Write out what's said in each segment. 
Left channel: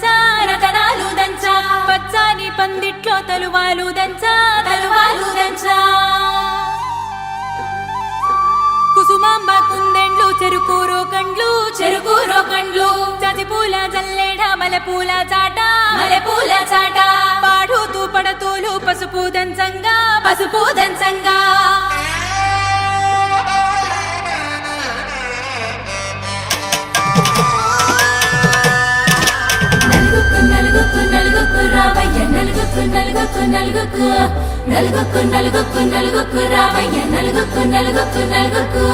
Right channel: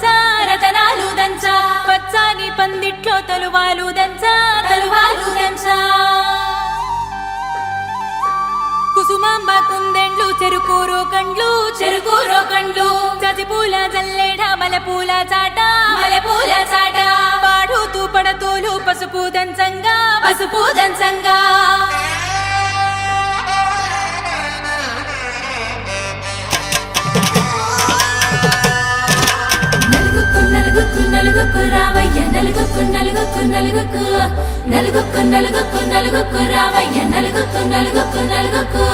దంచా రతనాలు దంచా పచ్చాని పందిట్లో తలువాలు దంచా కుసుమాంబ కుందెండ్లు చెరుకూరో కండ్లు చసిపూల జల్లేడ మలపూల చాట పాడుతూ పడతోలు పసుపు దంచంగా నలుగుకు రావయ్య నలుగుకు రావయ్య నలుగుకు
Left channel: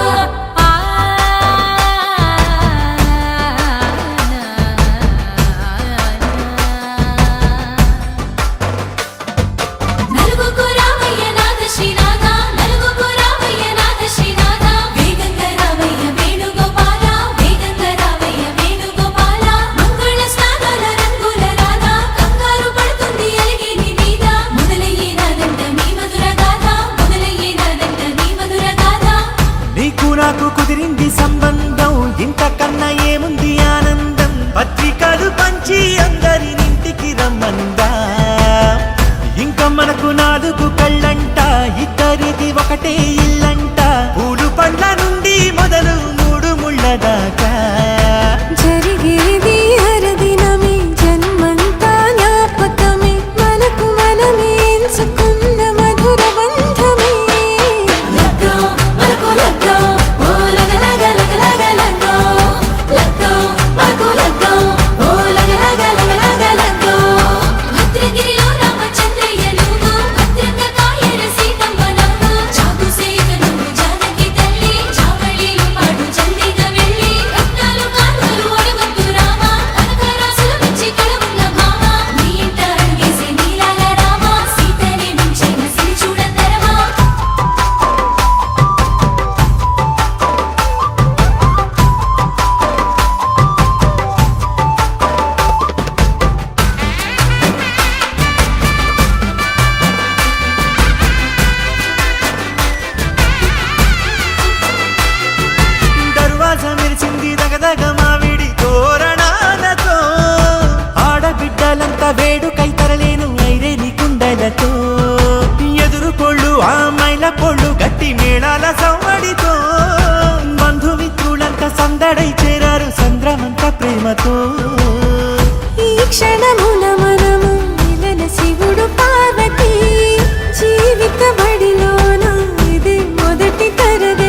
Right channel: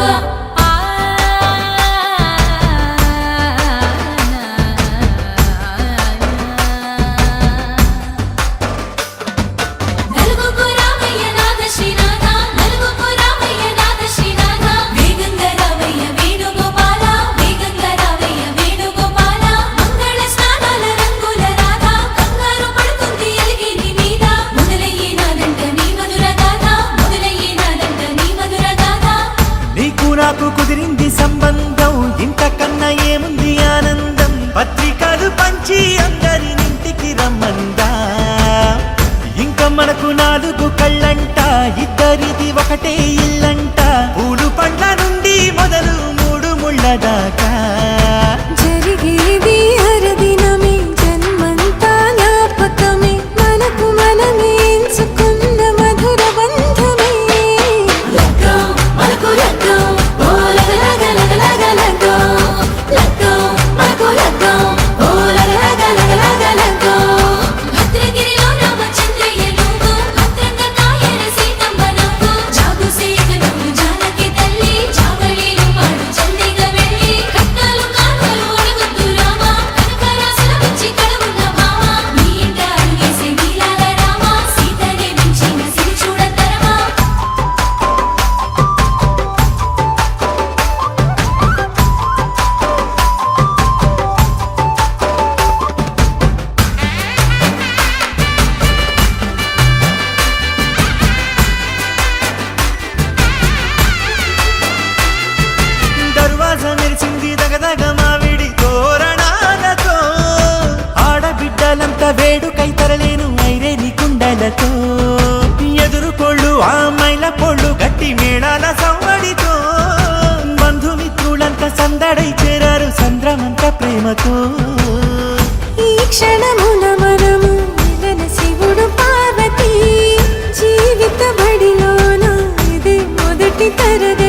నాకు కుదిరింది సంబంధం ఇంతకన్నా ఏముంది ఆనందం పత్రికలు పంచి అందరినింటికి రమ్మందా ఇంకా మనకు 4 కళ్ళంట ఇద్దరిది ఒకటే ఇల్లంట పూలు పండ్ల నుండి మొదలు 3 ముళ్ళ దాకా జరిగేది హరదినమే జన్మంతా జ్ఞాపకమే మనకు మనమే ఎంచుకున్న మధుర బంధమే మెరిసింది దగదగ మావిడి తోరణాలతో ఆడబిడ్డలంతా వేడుకై తరలేను ఐరేని కుండలతో ఎదురుకోళ్ళు ఆ మైల పోళ్ళు గట్టి మేళాల సవ్వడితో బంధుమిత్రులంతా సందడై చేరారు సంద్రమంత ప్రేమతో ఈ క్షణమున మనము మిలన శివుడు పార్వతి జీవిత బడిలోన ఇది మొదటి తరగతి